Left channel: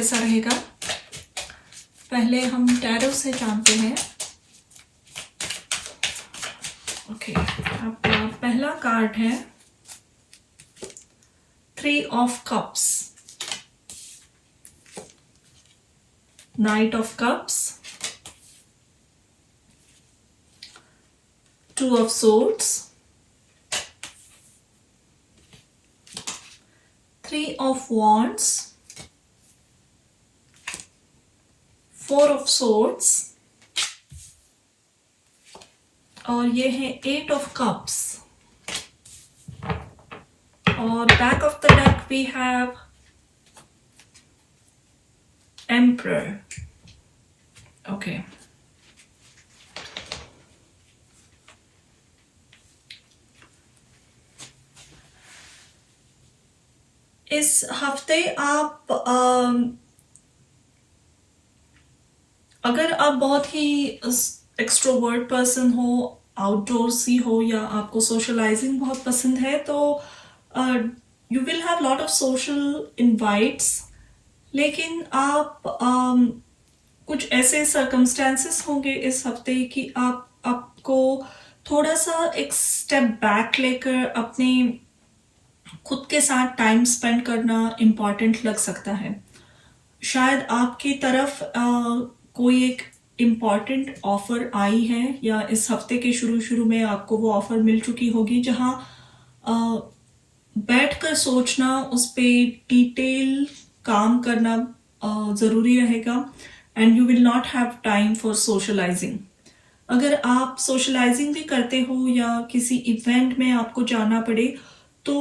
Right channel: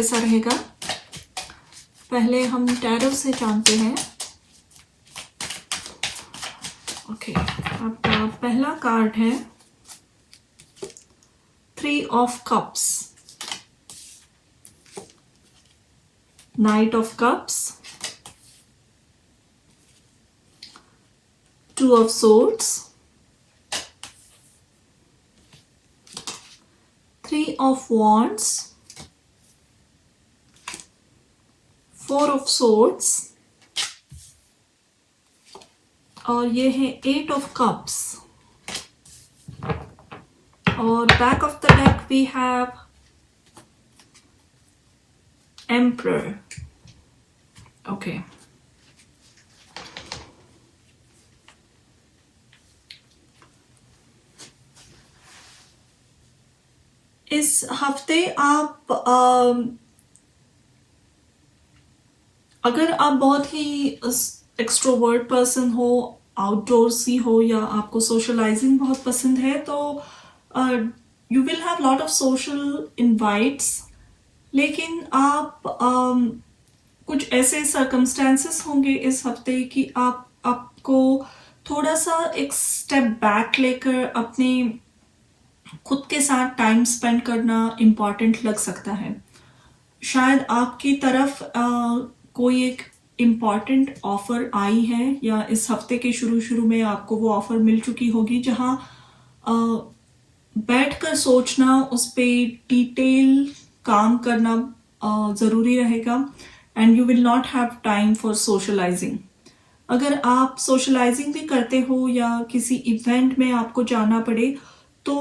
कैसा रहेगा। पहले हम टैरो से जानते हैं। ओके, आपका पहला कार्ड है 3 of cups, night of cups, 2 of swords, 3 of wands, 4 of swords और ये है 8 of cups और back of the deck we have Emperor. Okay. इस हफ्ते आप अगर आप बहुत ही एक्सट्रोवर्ट पर्सन हो, आउटडोर्सी हो या आपको सोशलाइजिंग बहुत पसंद है तो you will have lot of social invites, लेकिन आप कुछ ऐसे सर्कमस्टेंसेस होंगे इस हफ्ते कि आपको थोड़ा सा एक स्टेप बैक लेकर अपने खुद के साथ टाइम स्पेंड करना इम्पॉर्टेंट लग सकता है। शायद आपकी तरफ कोई एक इम्पॉर्टेंट ऑफर आई है या इस हफ्ते के शुरू में आपको वो ऑफर मिल चुकी होगी जहां बैठकर सोचना, उस पे डिटेल काम करना जरूरी रहेगा and you will not have time for socialising. अगर आप सोशलाइजिंग भी करते हो या किसी इवेंट में आपको जाना पड़े तो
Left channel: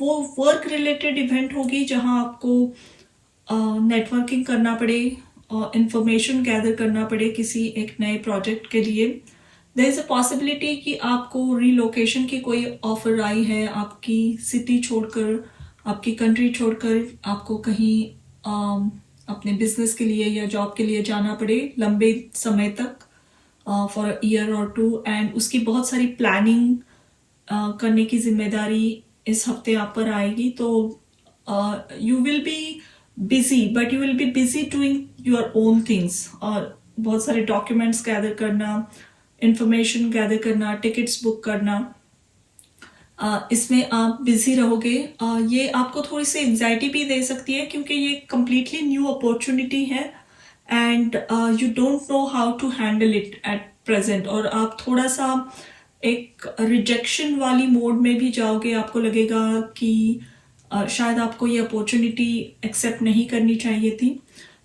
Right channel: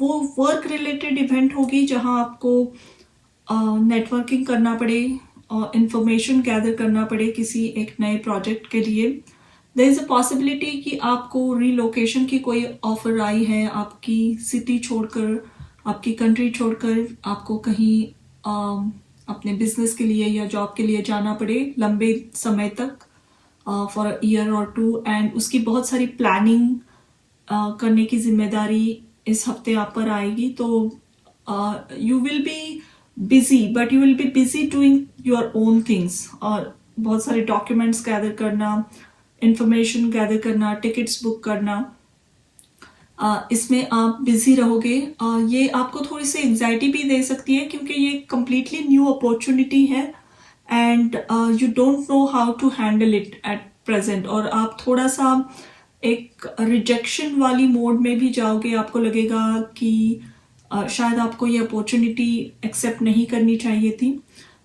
वो वर्क रिलेटेड इवेंट होगी जहां आपको नेटवर्किंग करना पड़े, इंफॉर्मेशन गैदर करना पड़े किसी एक नए प्रोजेक्ट के लिए। देयर इज अ पॉसिबिलिटी कि आपको रीलोकेशन की कोई ऑफर आई है, आपकी सिटी छोड़कर, आपकी कंट्री छोड़कर आपको कहीं अपने बिजनेस के लिए या जॉब के लिए जाना पड़े लंबे समय तक, फॉर अ ईयर और 2, एंड उसकी बहुत सारी प्लानिंग करने की जिम्मेदारी इस हफ्ते आप पर आएगी। तो you will be busy, but you will be busy doing your own things, और बहुत सारे डॉक्यूमेंट्स गैदर करना, इंफॉर्मेशन गैदर करना, टिकट्स बुक करना, इसमें आप बिजी रहोगे। ये आपको थोड़ी सी एंजाइटी भी दे सकती है क्योंकि ये कंप्लीटली न्यू अपॉर्चुनिटी है and you don't know how to handle it at present, और आप थोड़ा सा एक रिजेक्शन वाली मोड में भी जाओगे। आपको लगेगा कि शायद आपको ये अपॉर्चुनिटी एक्सेप्ट नहीं करनी चाहिए थी,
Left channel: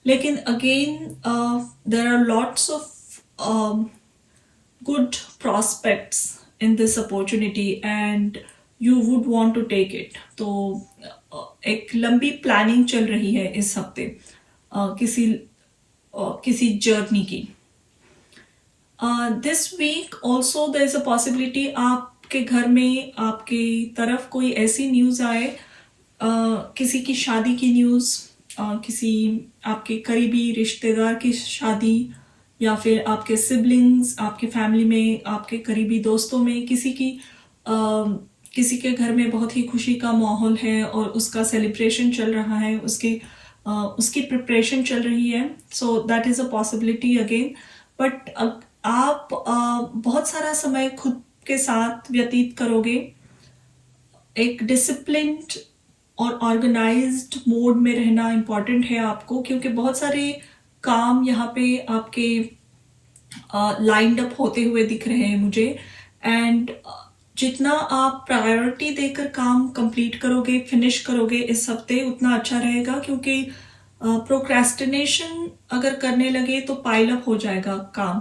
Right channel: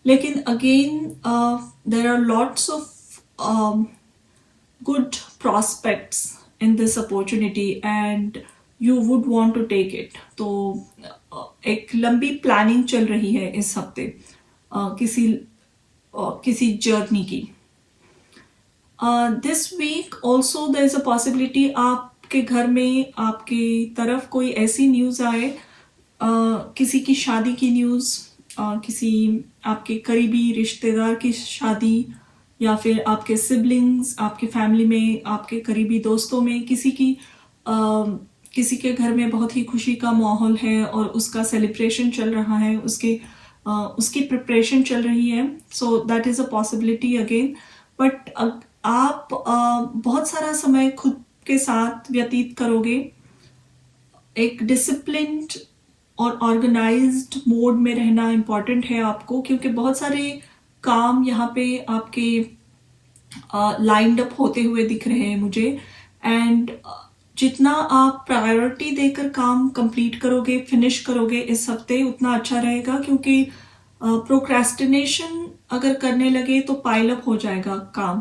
लेकिन again there are lots of good prospects in this opportunity and you would want to take it. तो एक लंबी प्लानिंग चल रही है इस हफ्ते किसी जर्नी की। This week also there is a possibility आपके घर में आपकी तरफ कोई ऐसी न्यूज आए, किसी की शादी की न्यूज, किसी आपके करीबी रिश्तेदार की शादी, या फिर आपके सिबलिंग्स, आपके फैमिली में, आपके करीबी दोस्तों में किसी के घर में बहुत ही खुशी का माहौल है और उसका सेलिब्रेशन चल रहा है, उसकी प्रिपरेशन चल रही है। So that is a possibility again. But आप बहुत सारा समय खुद के साथ व्यतीत करोगे, एक डिसिप्लिन्ड और ऑर्गेनाइज्ड मोड में रहना इम्पॉर्टेंट है आपको, क्योंकि बहुत सारे काम यहाँ पे आपके लाइंड अप होते हुए दिख रहे हैं मुझे, एंड जितना आप प्रायोरिटी देकर काम कंप्लीट करोगे, फिनिश करोगे इस हफ्ते, उतना अच्छा रहेगा। क्योंकि प्रोक्रेस्टिनेशन अगर करने लगे तो पाइल अप हो जाएगा काम,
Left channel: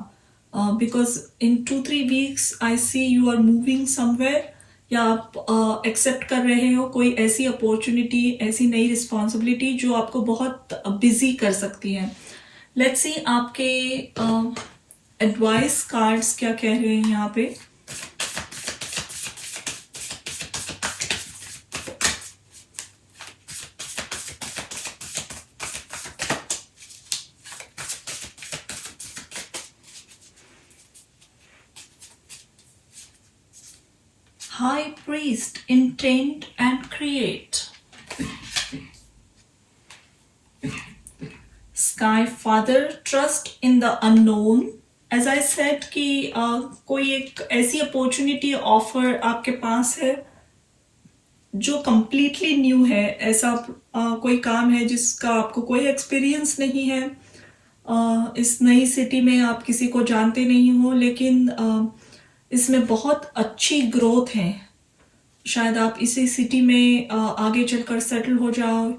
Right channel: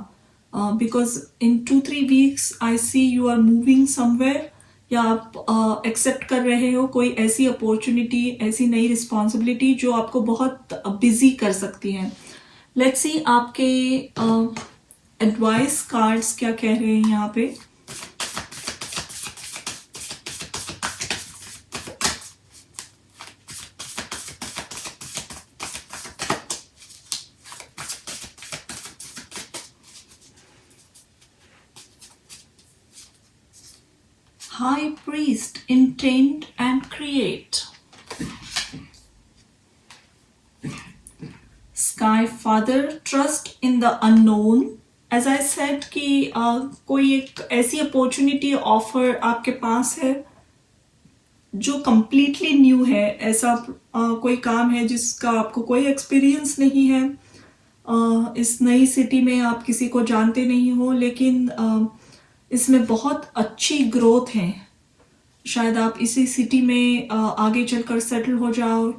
because in 2-3 weeks I see you are moving somewhere, या आप एक्सेप्ट कर रहे हो कोई ऐसी अपॉर्चुनिटी, ऐसी नई रिस्पॉन्सिबिलिटी जो आपको बहुत बिजी कर सकती है। लेट्स सी आपके एडवाइस कार्ड्स क्या कह रहे हैं यहाँ पे। High Priest, intend and create. Sky father, trust in the unknown. As I said कि कोई एक ऐसी अपॉर्चुनिटी ऑफर आपके पास है जो कंप्लीटली न्यू है. ऐसा कोई काम है जिसका आपको कोई एक्सपीरियंस नहीं है. इस नई सिटी में आप किसी को जानते नहीं हो, लेकिन इसमें बहुत अच्छी ग्रोथ है. शायद आप इसी सिटी में आगे चलकर सेटल हो जाओ,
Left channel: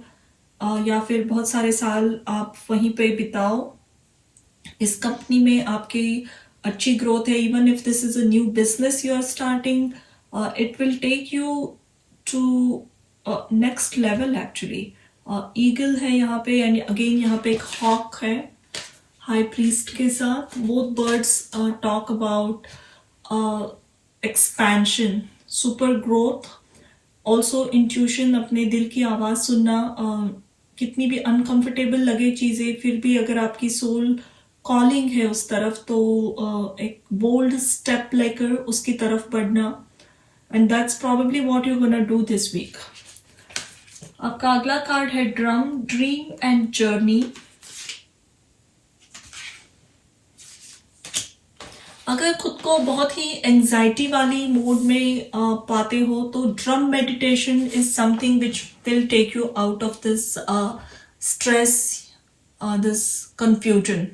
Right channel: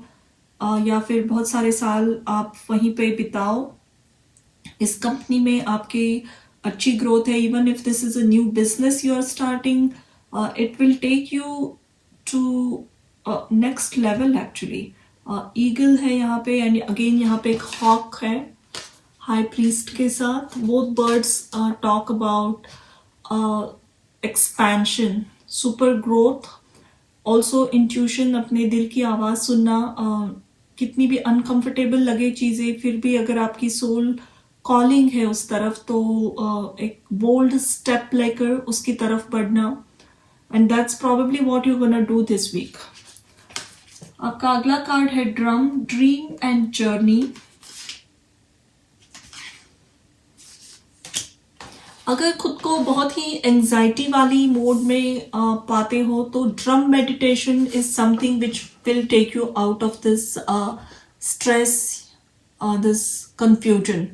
या फिर बहुत सारे साल आप वहीं पे बिताओ. इस कंपनी में आपकी अच्छी ग्रोथ है. Even if this is a new business you are starting, it will take you to next level. Actually eagle है यहाँ पे, यानी अगेन यहाँ पे एक हॉक है हाई प्रीस्ट के साथ. Both birds talk about expansion, super growth, also intuition, अपने दिल की आवाज सुनना. कितनी भी अनकंफर्टेबल लगे चीजें, फिर भी अगर आपकी सोल कॉलिंग है उस तरफ, तो एक बोल्ड स्टेप लेकर उसकी तरफ बढ़ना. And that's probably what you gonna do this week. आपका अगला कार्ड है ड्रम, ड्रीम एंड जर्नी. अगर खुद को बहुत ही एंजाइटी वाली मोड में पाते हो, तो drum meditation is something which will take you out of this stress, this confusion.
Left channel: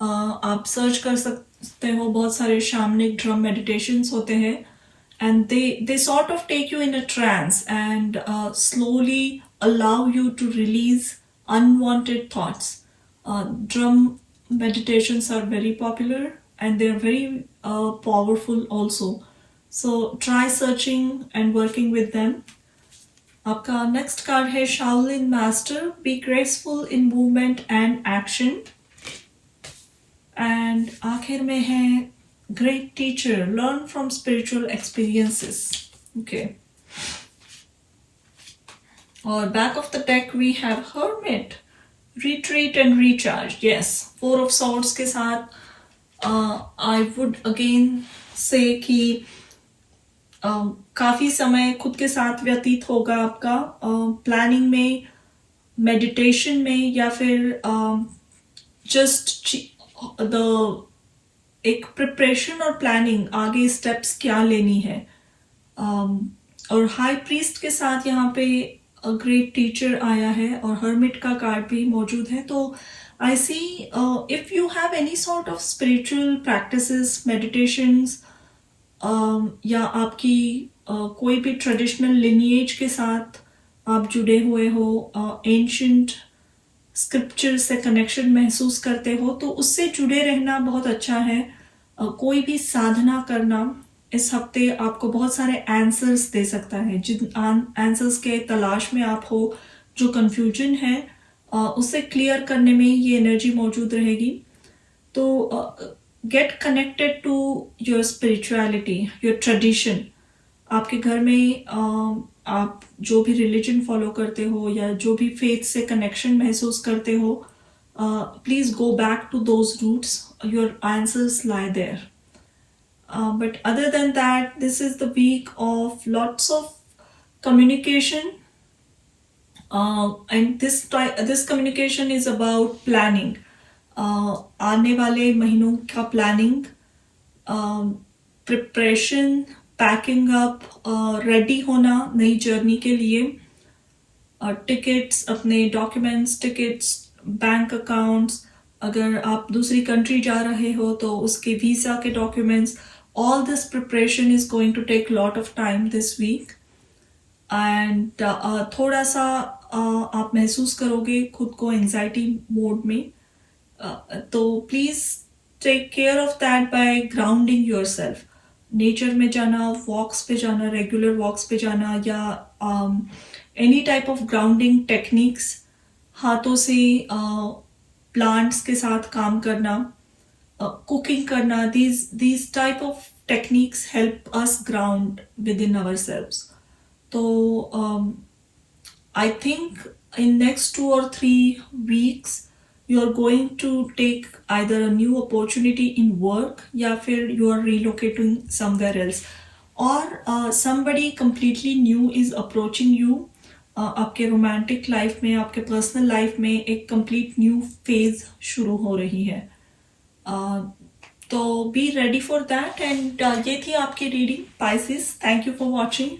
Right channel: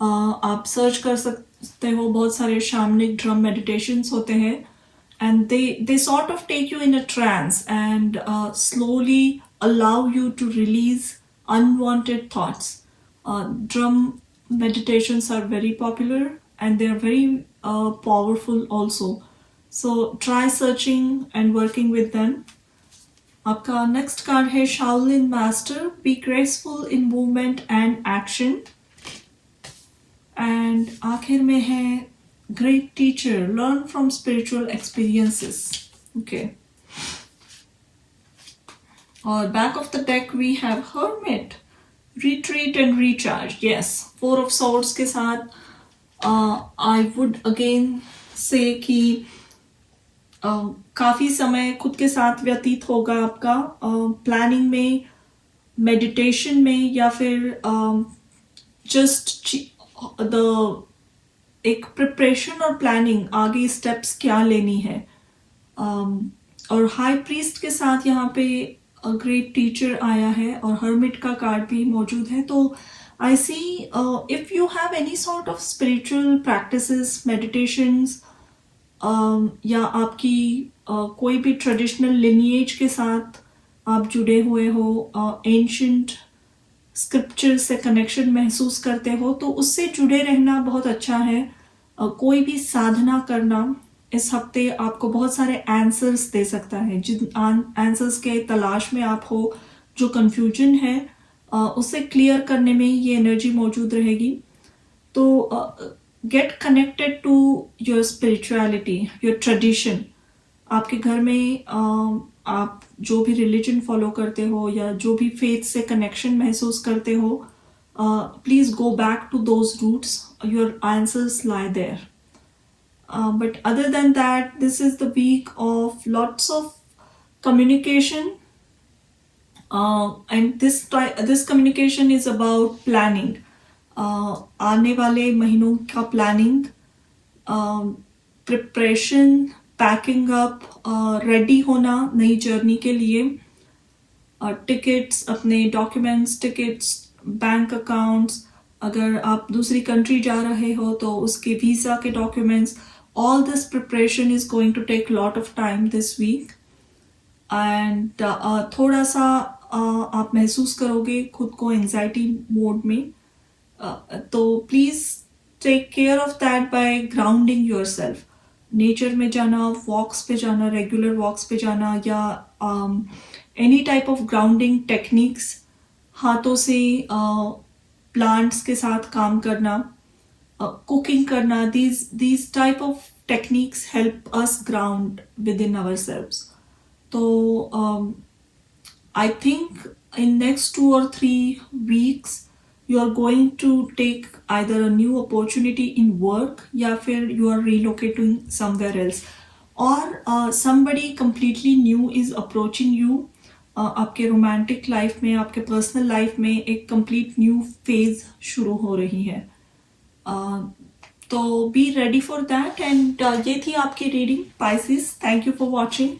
आप सर्च कर सकते हो, बहुत सारे शामनिक ड्रम मेडिटेशंस होते हैं, and they sort of take you in a trance and slowly allow you to release unwanted thoughts. Drum meditations are very popular and they are very powerful also, so try searching and working with them. आपका next card है Shaolin Master, be graceful in movement and action. and आखिर में है Great teacher, learn from spiritual experiences. Okay. Or back of the deck we have Hermit, retreat and recharge. Yes, Four of Swords के साथ I would again say कि काफी समय खुद के साथ व्यतीत होगा आपका, प्लानिंग में, मेडिटेशन में, या फिर जस्ट द एक प्रिपरेशन और प्लानिंग, आगे स्टेप्स क्या लेनी है. और हाई प्रीस्ट के साथ यहाँ पे ग्रेट टीचर आया है और हर्मिट का कार्ड भी मौजूद है. तो I see if you have any sort of spiritual practices, meditations, या आपकी कोई भी ट्रेडिशनल लिनिएज के साथ आप जुड़े हुए हो, एंशिएंट स्क्रिप्चर से कनेक्शन महसूस करते हो, तो उससे जुड़े रहना बहुत अच्छा है. कोई भी साधना करना इस हफ्ते आपको बहुत सारे आंसर्स दे सकता है. जिन आंसर्स के तलाश में आप हो, जो कंफ्यूजन है, उसे क्लियर करने में ये एनर्जी मौजूद रहेगी. तो get connected to your spirituality, your tradition. आपके घर में आप जो भी रिलीजन फॉलो करते हो या जो भी फेथ से कनेक्शन महसूस करते हो, please go back to those roots. Your answers lie there. But other than that, this is the week of lots of communication, and this communication is about planning. आने वाले महीनों का planning, preparation, packing up, ready होना नई journey के लिए, tickets, अपने documents, tickets, bank accounts, अगर आप दूसरी कंट्री जा रहे हो तो उसके वीजा के documents. All this preparation is going to take a lot of time this week, and थोड़ा सा आप महसूस करोगे खुद को एंजाइटी मोड में. तो please take care of that by grounding yourself. Nature में जाना, वॉक्स पे जाना, रेगुलर वॉक्स पे जाना, या any type of grounding techniques, हाथों से प्लांट्स के साथ काम करना, cooking karna, these type of techniques help us ground within ourselves. So I think in next 2 or 3 weeks you are going to take either a new opportunity in work, या फिर you are relocating somewhere else, or somebody completely new is approaching you आपके romantic life में, आपके personal life में एक complete new phase शुरू हो रही है। तो be ready for that. And ये थी आपकी reading Pisces. Thank you for watching.